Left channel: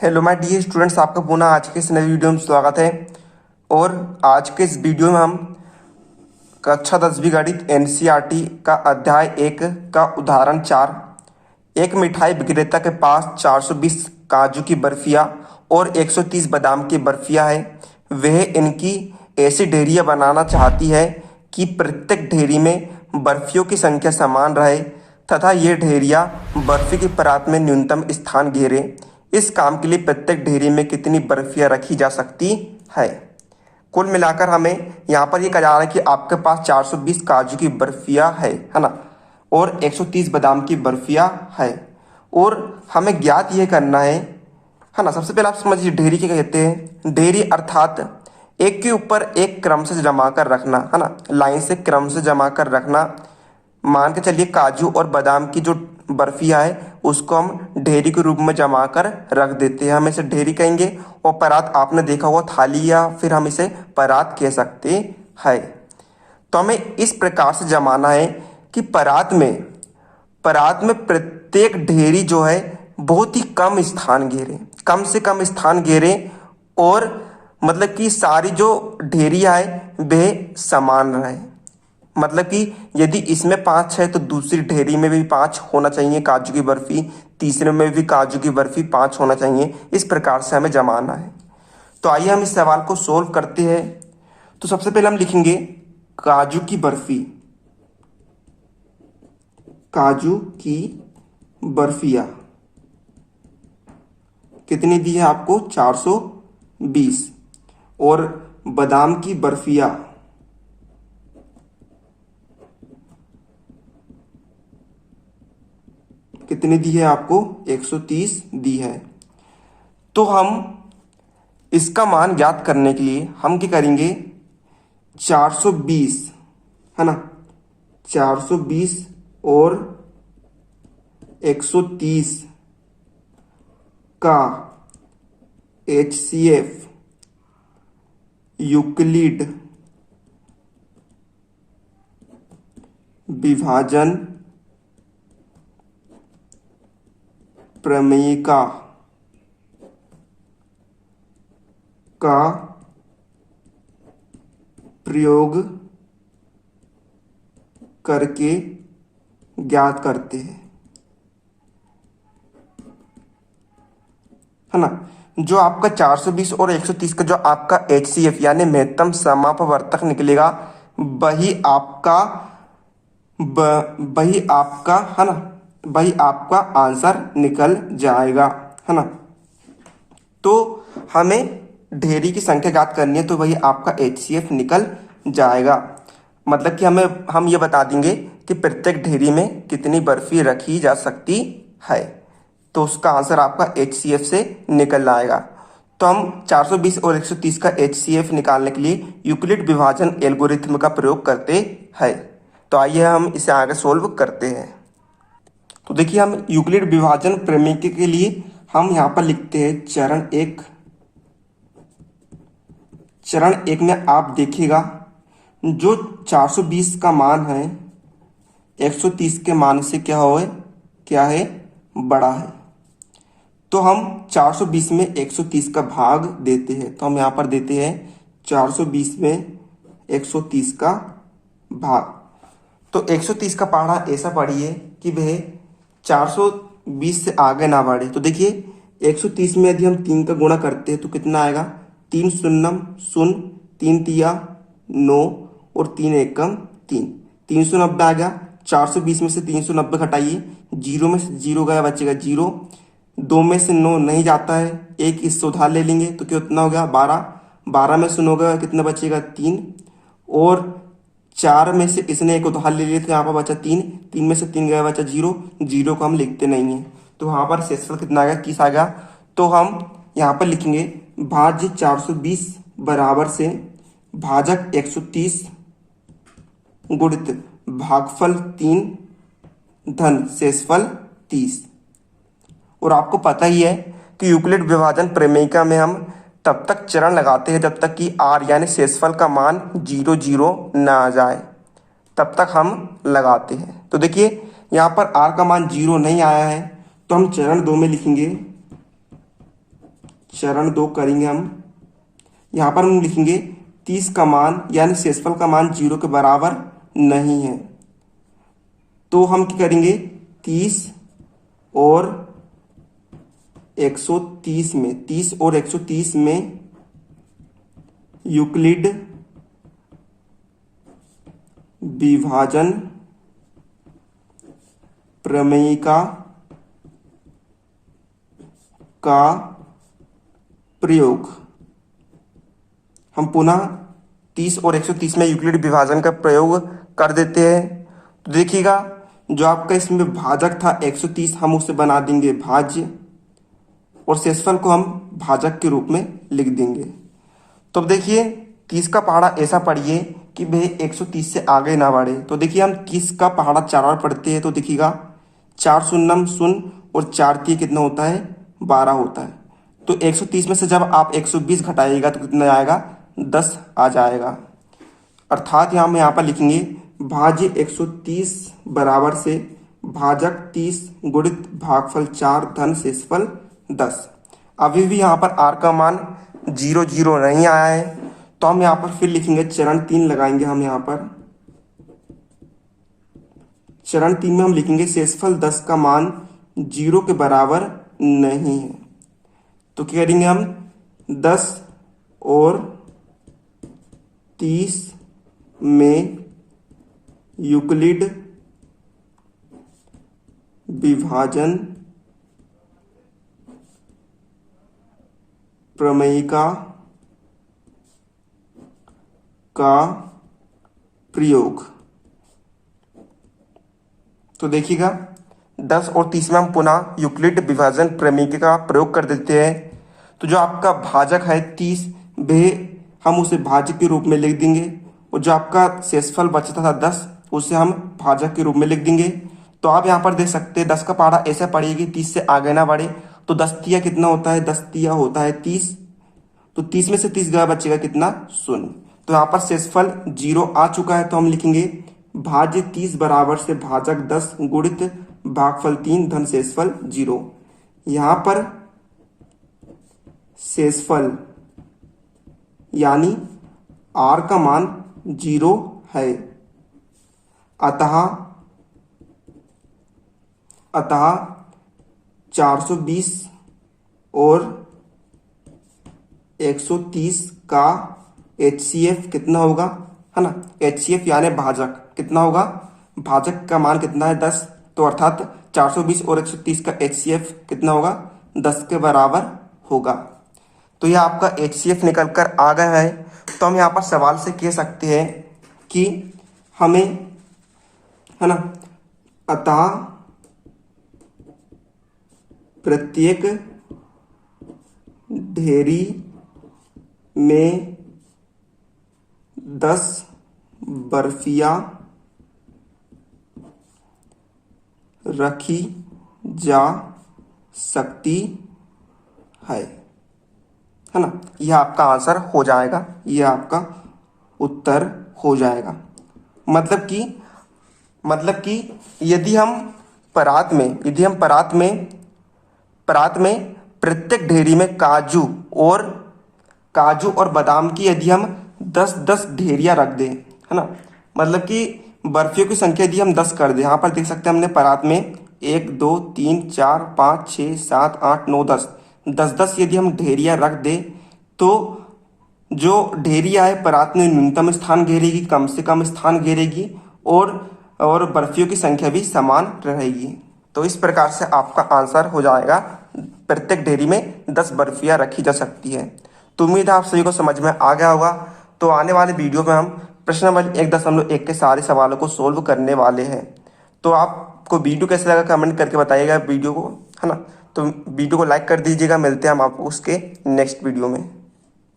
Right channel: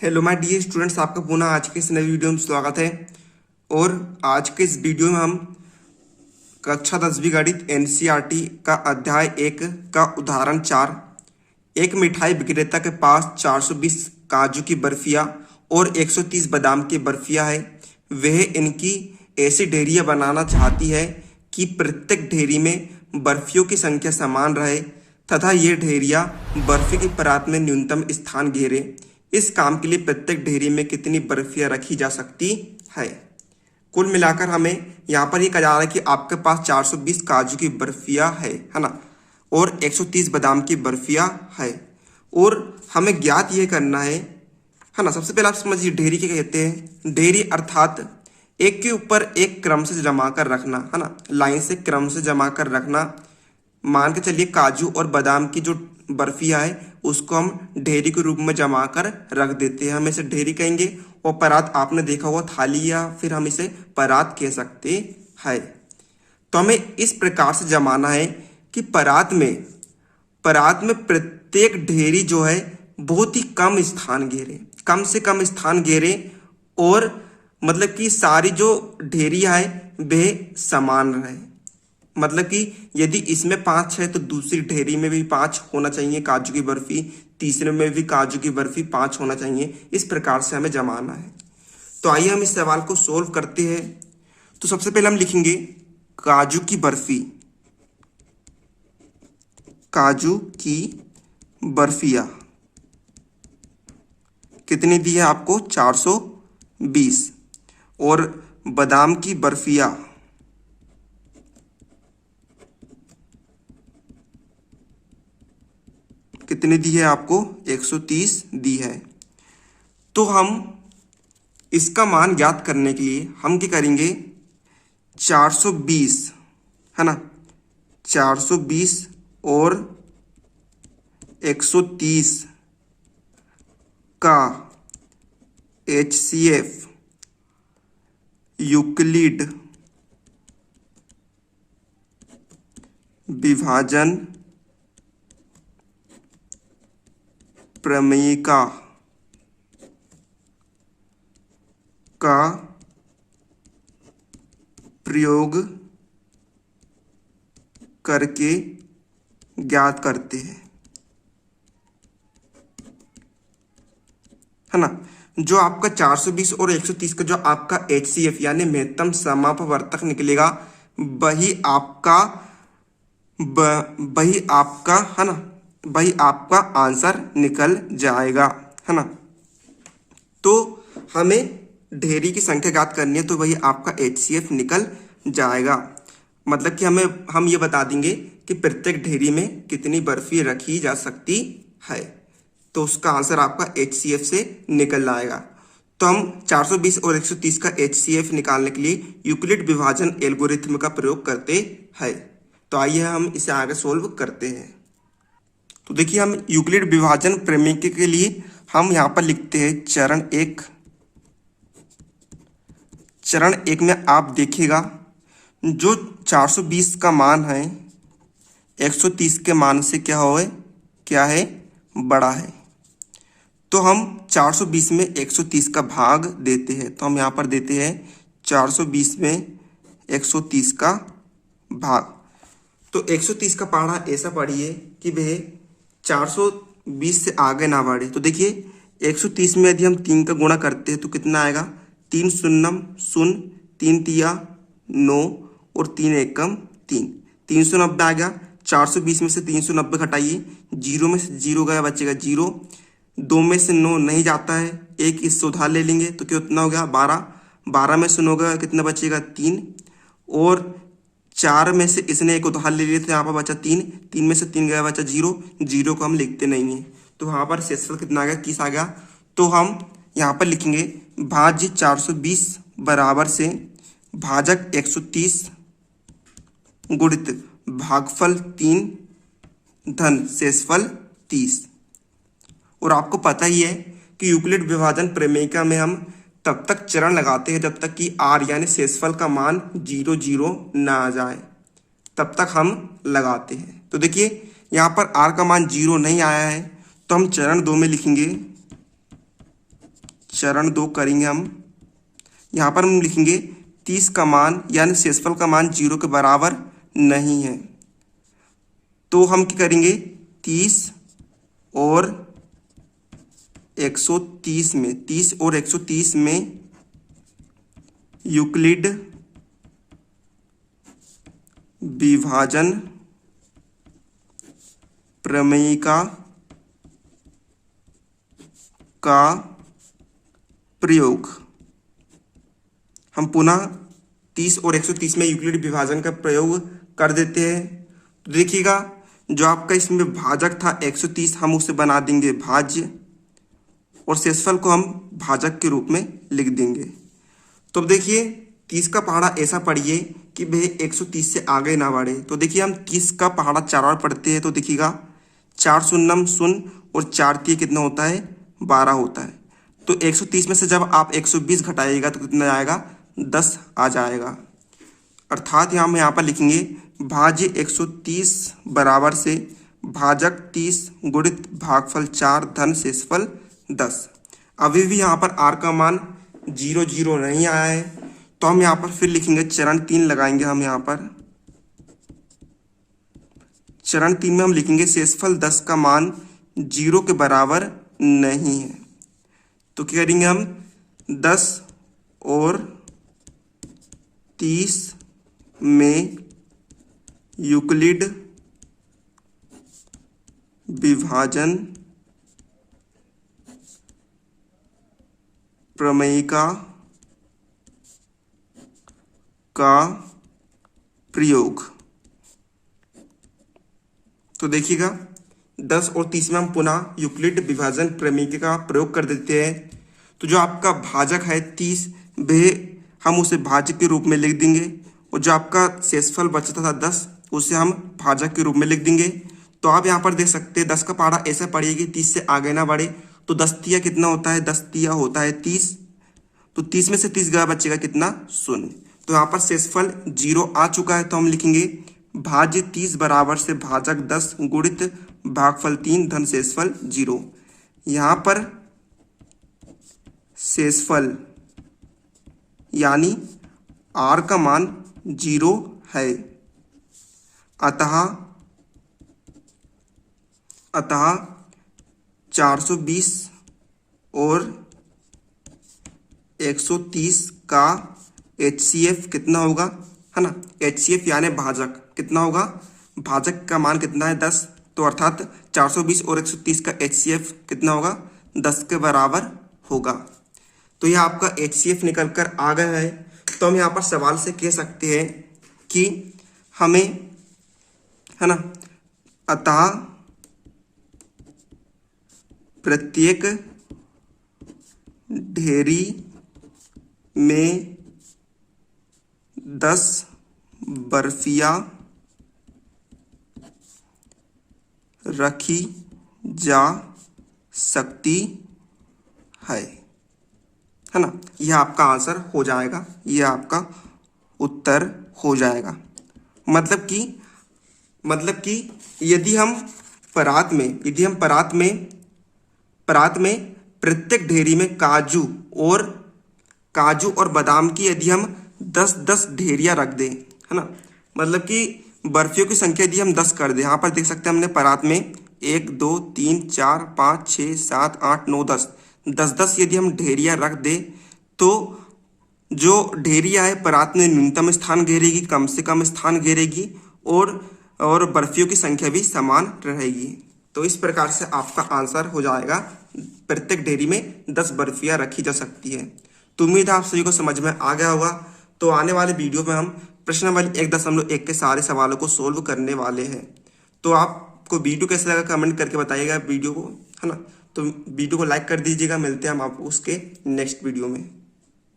Hello my dear students, आपका पुनः आज के इस नई वीडियो में स्वागत है। और आज के इस वीडियो में हम कक्षा 10वीं गणित एनसीईआरटी का अध्याय 1 का उदाहरण 4। एक मिठाई विक्रेता के पास 420 काजू की बर्फियाँ और 130 बादाम की बर्फियाँ है। वह इनकी ऐसी ढेरियाँ बनाना चाहती है कि प्रत्येक ढेरी में बर्फियों की संख्या समान रहे तथा ये ढेरियाँ बर्फी की परात में न्यूनतम स्थान घेरे। इस काम के लिए प्रत्येक ढेरी में कितनी बर्फियाँ रखी जा सकती है। कुल मिलाकर हमें यहाँ पर ये कहा जा रहा है कि आपके पास 420 काजू की बर्फियाँ है ना, और 130 बादाम की बर्फियाँ है। और हमें ज्ञात ये करना है ना। सबसे पहले आप समझिए ढेरी क्या कहते हैं। ढेरी अर्थात एक के ऊपर एक क्रम से जमा कर रखना, है ना, लाइन से क्रम से जमा कर रखना। मान के चलिए काजू और बादाम की जो बर्फियाँ है उसको हम ढेरी के रूप में जमा कर रख देते हैं, हम इसे ढेरी कहेंगे। और परात आपने देखा होगा थाली, या फिर हम इसे परात कह सकते हैं। तो हमें इस प्रकार से जमाना है कि परात में प्रत्येक ढेरी जो है बहुत ही कम स्थान घेरे, कम से कम स्थान घेरे। और मतलब कि सारी जो ढेरियाँ है वह समान रहे। मतलब कि यदि इसमें 5 है तो दूसरी ढेरी में भी 5 होना चाहिए काजू की बर्फी, तीसरे में भी काजू की बर्फी 5 होना चाहिए। इस प्रकार से हमें जमाना है। तो आइए हम इस सवाल को सोल्व करते हैं। तो सबसे पहले हम लिखेंगे काजू की बर्फी, काजू की बर्फियाँ कितनी दी है आपको 420, और बादाम की बर्फियाँ कितनी दी है आपको 130 दी है। तो हम इसका मान ज्ञात करने के लिए हम क्या करेंगे, 420 है ना, 420 और 130 का HCF यूक्लिड विभाजन प्रमेय का प्रयोग करके ज्ञात करते हैं, है ना। जो आपका 420 और 130 का जो आपका HCF यानी महत्तम समापवर्तक निकलेगा वही आपका है ना, वही आपका आंसर निकल जाएगा, है ना। तो हमें ढेरी की संख्या ज्ञात करनी है तो वही आपका HCF निकल जाएगा। मतलब कि हम ये बता देंगे कि प्रत्येक ढेरी में कितनी बर्फी रखी जा सकती है। तो उसका आंसर आपका HCF से निकल आएगा। तो हम 420 और 130 का HCF निकालने के लिए यूक्लिड विभाजन एल्गोरिथ्म का प्रयोग करते हैं। तो आइए हम इसे आगे सोल्व करते हैं। तो देखिए हम यूक्लिड विभाजन प्रमेय के लिए हम यहाँ पर लिखते हैं चरण एक में आप देखिएगा जो 420 का मान है 130 के मान से क्या है बड़ा है। तो हम 420 में 130 का भाग देते हैं। तो हम यहाँ पर देते हैं 420 में 130 का भाग। तो 130 का पढ़ा ऐसा पढ़िए कि वह 420 से आगे ना बढ़े। तो देखिए 130 में यदि हम 3 का गुणा करते हैं तो कितना आएगा, 3 शून्यम शून्य, 3 तिया 9 और 3 एकम 3, 390 आ गया। 420 में से 390 घटाइए, 0 में से 0 गया, बचेगा 0। 2 में से 9 नहीं जाता है, एक इससे उधार ले लेंगे तो कितना हो गया 12, 12 में से 9 गया कितना बचेगा 3, और 4 में से इसने एक उधार ले लिया तो यहाँ पर बचा 3, 3 में से 3 गया बचा 0, 0 को हम लिखते नहीं है। तो यहाँ पर शेषफल कितना आ गया 21 आ गया। तो हम यहाँ पर लिखेंगे भाज्य 420 बराबर से भाजक 130 गुणित भागफल 3 धन शेषफल 30। और आपको पता ही है कि यूक्लिड विभाजन प्रमेय में हम तब तक चरण लगाते हैं जब तक कि R यानी शेषफल का मान 0 0 ना आ जाए, तब तक हम लगाते हैं। तो देखिए यहाँ पर R का मान 0 नहीं आया है तो हम चरण 2 में लिखेंगे चरण 2 करेंगे हम। यहाँ पर हम लिखेंगे 30 का मान यानी शेषफल का मान 0 के बराबर नहीं है, तो हम क्या करेंगे 30 और 130 में 30 और 130 में यूक्लिड विभाजन प्रमेय का प्रयोग। हम पुनः 30 और 130 में यूक्लिड विभाजन का प्रयोग कर देते हैं। तो देखिएगा जो आपका इसमें भाजक था 130 हम उसे बना देंगे भाज्य और शेषफल को हम भाजक के रूप में लिख देंगे। तो देखिए 30 का पहाड़ा ऐसा पढ़िए कि भाई 130 से आगे ना बढ़े। तो देखिए हम 30 का पहाड़ा 4 बार पढ़ते हैं, तो देखिएगा 4 शून्यम शून्य और 4 तीय कितना होता है 12 होता है। तो 130 में से जब आप 120 घटाइएगा तो कितना आएगा 10 आ जाएगा। अर्थात यहाँ पर लिखेंगे भाज्य 130 बराबर से भाजक 30 गुणित भागफल 4 धन शेषफल 10। अभी भी यहाँ पर आर का मान 0 0 नहीं आया है, तो हम यहाँ पर फिर लिखेंगे चरण 3 लगाएंगे। हम यहाँ पर चरण 3 में हम लिखेंगे शेषफल 10 का मान 0 के बराबर नहीं है, तो क्या करेंगे हम 10 और 30 में यूक्लिड विभाजन प्रमेय का प्रयोग। तो देखिएगा 10 और 30 में हम पुनः यूक्लिड विभाजन प्रमेय का प्रयोग कर देते हैं। तो जो आपका भाजक है 30 वे हम उसे भाज्य के रूप में लिख देंगे, और जो आपका शेषफल बचता था 10 उसे हम भाजक के रूप में लिख देंगे। तो आप यहाँ पर देख सकते हैं 10 का पहाड़ा ऐसा पड़ेगी 30 से आगे ना बढ़े, तो 10 तिया कितना होता है 10 तिया होता है 30, तो 30 में से 30 गया बचेगा कितना 0। तो यहाँ पर शेषफल 0 आ चुका है, तो हम लिखेंगे भाज्य 30 बराबर से भाजक 10 गुणित भागफल 3 धन शेषफल 0। यहाँ पर शेषफल यानी आर का मान 0 है, अतः 420 और 130 का HCF कितना होगा, है ना। HCF यानी भाजक कितना होगा, भाजक का मान कितना है 10, तो अर्थात 420 और 130 का HCF कितना होगा 10 के बराबर होगा। तो यह आपका HCF निकल कर आ गया है। तो हम यहाँ पर सवाल से कह सकते हैं कि हमें, है ना, अतः प्रत्येक ढेरी में 10 बर्फियां रखी जा सकती है ना। यह आपका आंसर हो जाएगा, यह आपका उत्तर हो जाएगा। मतलब कि यदि हम परात में प्रत्येक ढेरी में काजू और बादाम की यदि हम 10-10 ढेरियां रख दें, है ना, मतलब कि बर्फियों की संख्या यदि हम 10 कर दें। यहाँ पर देख सकते हैं हमने परात में 1 2 3 4 5 6 7 8 9 10 यदि हम ढेरियां रख दें, तो जो ढेरियां है परात में न्यूनतम स्थान घेरेगी, कम से कम स्थान घेरेगी, और बर्फियों की संख्या भी समान रहेगी। तो इस प्रकार से आपका आंसर हो जाएगा प्रत्येक ढेरी में 10 बर्फियां रखी जा सकती है। तो उम्मीद है आप सभी को समझ में आ गया होगा। तो आने वाले वीडियो में हम प्रश्न नंबर 1.1 के सारे सवालों को सोल्व करने वाले हैं। तो आपको वीडियो कैसा लगा कमेंट करके बताइएगा वीडियो को, है ना। तो वीडियो को लाइक कर दीजिएगा। मिलते हैं हम आपको उसके नेक्स्ट वीडियो में।